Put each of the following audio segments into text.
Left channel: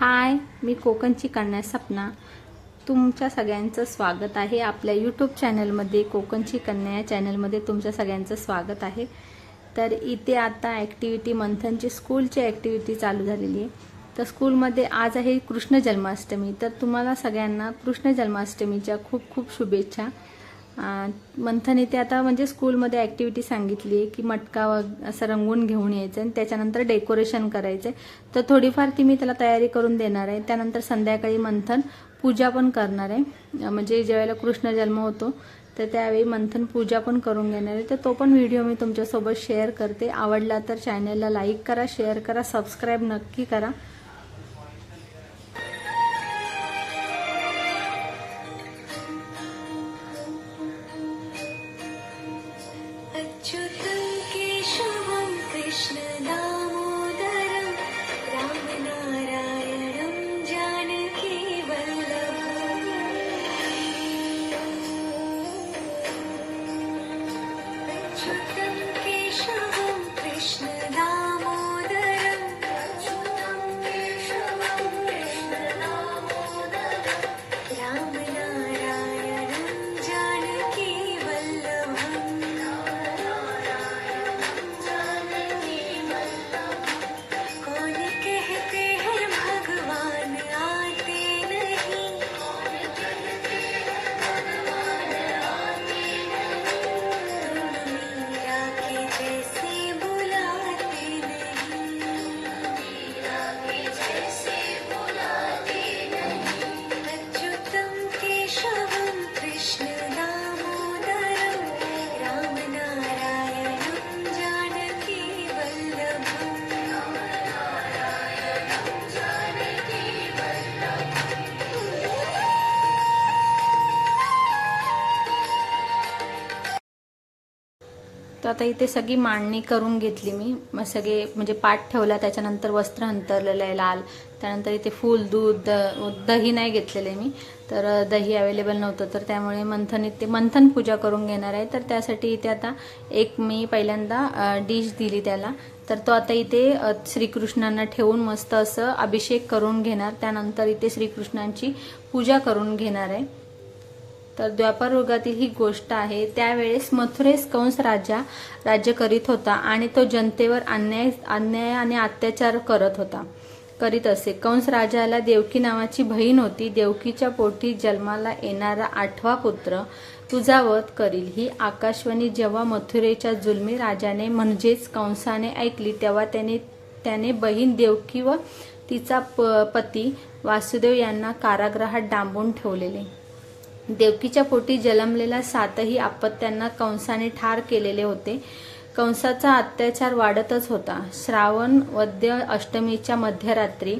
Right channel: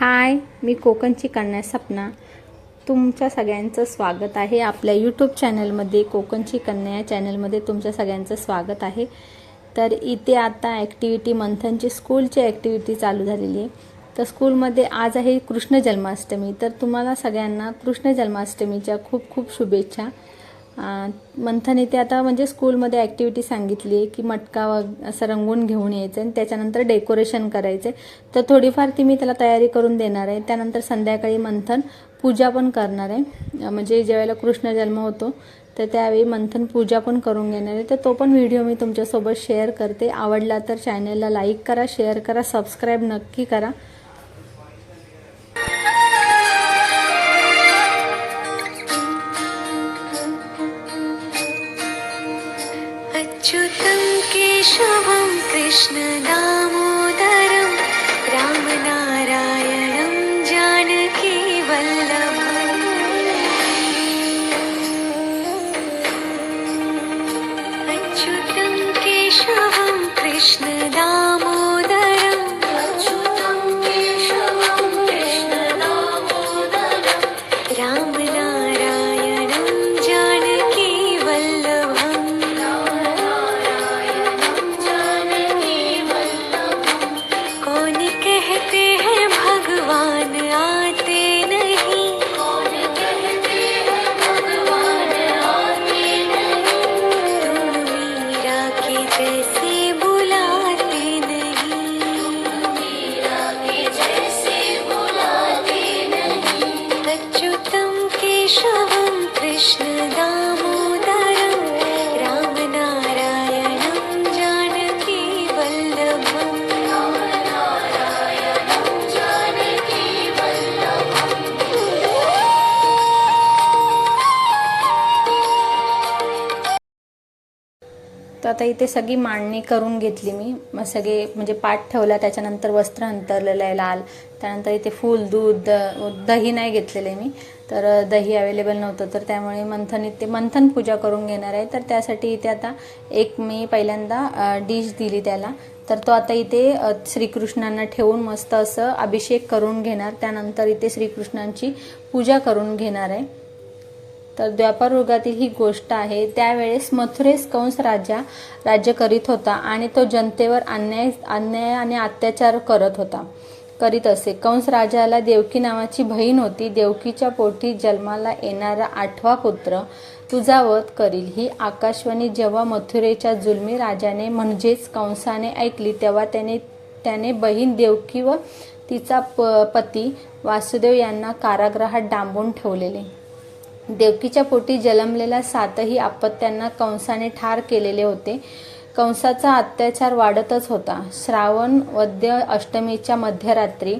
हाय मी कोकणची कन्या सपना. तुमच्या सगळ्यांचं स्वागत आहे. आपल्या यूट्यूब चॅनलमध्ये कोकणची कन्या या चॅनलमध्ये तुमच्या सगळ्यांचं स्वागत आहे. तर इथे आता ॲक्टिव्हिटी मंथनची स्कूलची ॲक्टिव्हिटी चालू झालेली आहे. तर स्कूलमध्ये आज आहे कृष्ण जन्माष्टमी. तर तुम्हाला सगळ्यांना कृष्ण जन्माष्टमीच्या खूप खूप शुभेच्छा. मंथन इथे आता म्हणजे स्कूलमध्ये ॲक्टिव्हिटी सांगितली आहे की मटका व असं रंगवून घेऊन यायचं आणि त्याच्यानंतर डेकोरेशन करायचं. तर थोडीफार ती मी त्याला तयारी करून देणार आहे. त्यानंतर संध्याकाळी मंथन पूजा पण करणार आहे. म्हणजे ज्यावेळेला कृष्ण जन्म होतो तर त्यावेळी मंथन पूजा पण करून घेणार आहे. तर तो पण व्हिडिओ मी तुमच्यासोबत शेअर करते. आवडला तर चॅनलला लाईक करा शेअर करा सबस्क्राईब नक्की करा. you do? तर आता इथे सगळी मांडणी करून घेतली मी. मग सगळे म्हणजे पाठ ठेवला त्याच्यानंतर वस्त्र अंतरलेलं आहे लाल. त्यानंतर इथे फूल दूध द- दही नाही घेतलेलं आहे मी. तर दही अवेलेबल नव्हतं. तर त्यामुळे मंथन इथे मंथन पूजा करून घेणार आहे. तर त्यासाठी इथे आता एक मी पहिल्यांदा डिश दिली त्याला. तर तो आता इथे श्रीकृष्णांना ठेवून मस्त असं अभिषेक करून घेणार. त्यानंतर इथे श्रीकृष्णांची पूजा करून घेणार आहे. तर द्वापर युगातील ही गोष्ट आहे. त्यावेळेस मथुरेस कंस राजा राज्य करीत होता आणि तो जनतेवर अन्याय अन्याय आणि अत्याचार करत होता. करीत असे. कंस राजाला देवकी नावाची बहीण होती. देवकीच्या पोटी जन्माला येणारा आठवा पुत्र तुझा वध करील. ही आकाशवाणी जेव्हा मथुरेच्या जुलमी राजाने म्हणजेच कंसाने ऐकली तेव्हा त्याने त्याने बहीण देवकी व तिचा प पती वासुदेव यांना कारागृहात डांबून ठेवलेले. देवकीच्या पोटी जन्मलेल्या सातही आपत्त्यांना कंसाने ठार केलेले होते. कंसाचा अत्याचार वाढतच होता. श्रावण वद्य अष्टमीच्या मध्यरात्री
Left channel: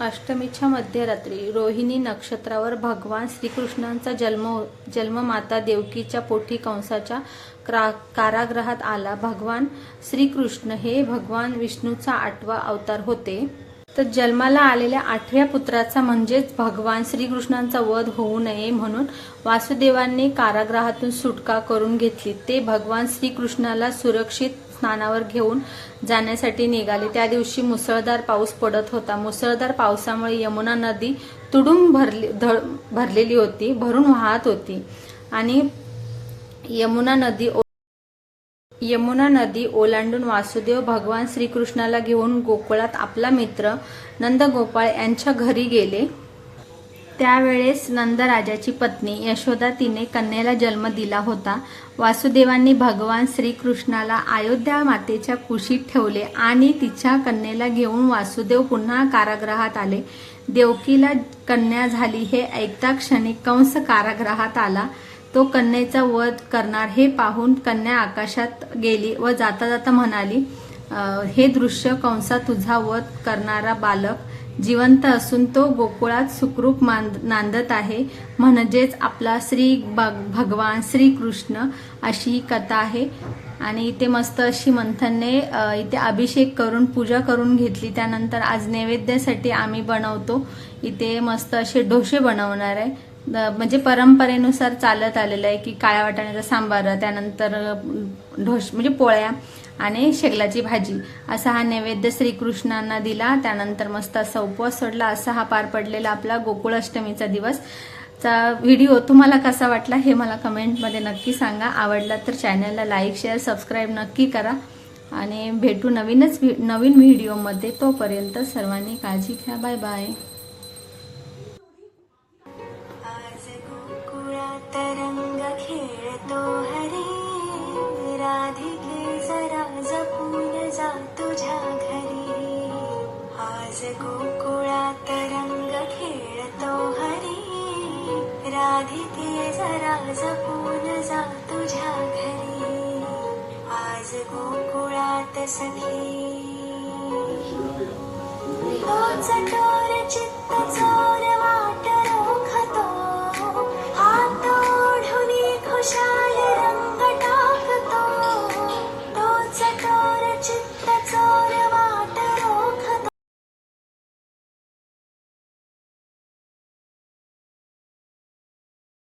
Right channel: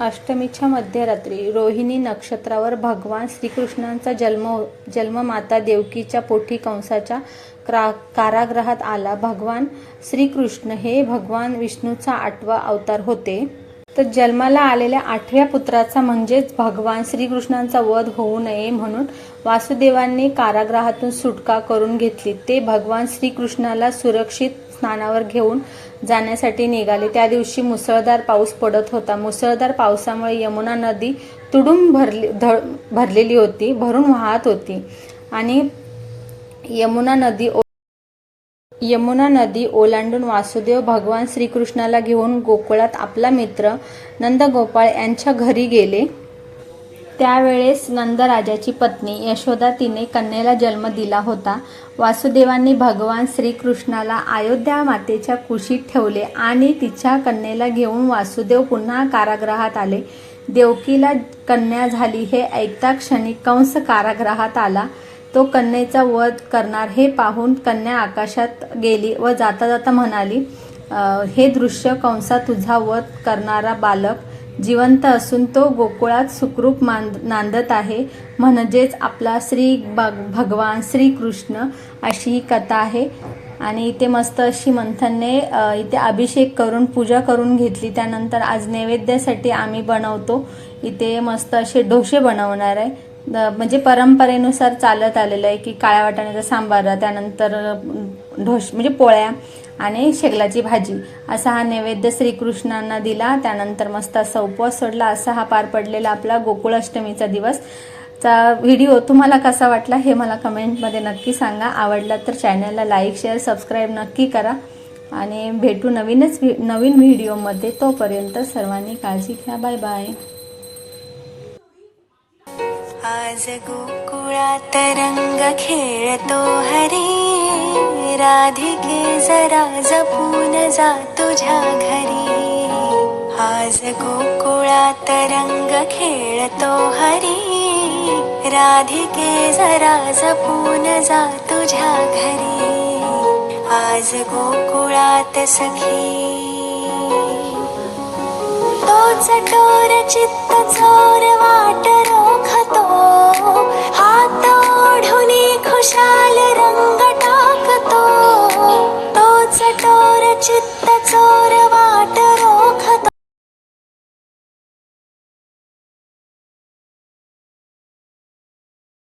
अष्टमीच्या मध्यरात्री रोहिणी नक्षत्रावर भगवान श्रीकृष्णांचा जन्म जन्ममाता देवकीच्या पोटी कंसाच्या क्रा कारागृहात आला. भगवान श्रीकृष्ण हे भगवान विष्णूचा आठवा अवतार होते. तर जन्माला आलेल्या आठव्या पुत्राचा म्हणजेच भगवान श्रीकृष्णांचा वध होऊ नये म्हणून वासुदेवांनी कारागृहातून सुटका करून घेतली. ते भगवान श्रीकृष्णाला सुरक्षित स्नानावर घेऊन जाण्यासाठी निघाले. त्या दिवशी मुसळधार पाऊस पडत होता. मुसळधार पावसामुळे यमुना नदी तुडून भरली ध- भरलेली होती भरून वाहत होती. आणि यमुना नदी ओ- यमुना नदी ओलांडून वासुदेव भगवान श्रीकृष्णाला घेऊन गोकुळात आपला मित्र नंदगोपाळ यांच्या घरी गेले. त्यावेळेस नंदराजाची पत्नी यशोदा तिने कन्येला जन्म दिला होता. वासुदेवांनी भगवान श्रीकृष्णाला अयोध्या मातेच्या कुशीत ठेवले आणि तिच्या कन्येला घेऊन वासुदेव पुन्हा कारागृहात आले. देवकीला कन्या झाली हे ऐकता क्षणी कंस कारागृहात आला. तो कन्येचा वध करणार हे पाहून कन्या आकाशात गेली व जाता जाता म्हणाली हे दृश्य कंसा तुझा वध करणारा बालक जिवंत असून तो गोकुळात सुखरूप नांदत आहे. म्हणजेच आपला श्री भग- भगवान श्रीकृष्ण अशी ही कथा आहे. आणि इथे मस्त अशी मंथनने इथे अभिषेक करून पूजा करून घेतली. त्यानंतर आज नैवेद्यासाठी आम्ही बनवतो. इथे मस्त असे डोसे बनवणार आहे. म्हणजे परंपरेनुसार चालत आलेलं आहे की काळ्या वाटाण्याचा सांबार त्यानंतर ढोश म्हणजे पोळ्या आणि शेगलाची भाजी. असा हा नैवेद्य श्रीकृष्णांना दिला. त्यानंतर मस्त असा उपवास सोडला. असा हा पार पडलेला आपला गोकुळाष्टमीचा दिवस. चा व्हिडिओ तुम्हाला कसा वाटला हे मला कमेंटमध्ये नक्की सांगा. आवडला तर चॅनलला लाईक शेअर सबस्क्राईब नक्की करा. आणि भेटू नवीनच व्हि- नवीन व्हिडिओमध्ये. तोपर्यंत सर्वांनी काळजी घ्या. Bye bye. आज गोकुळात रंग खेळतो हरी. राधिके जरा जपून जा तुझ्या घरी. आज गोकुळात रंग खेळतो हरी. राधिके जरा जपून जा तुझ्या घरी. आज गोकुळात सखी. तोच डोर चित्त चोर वाट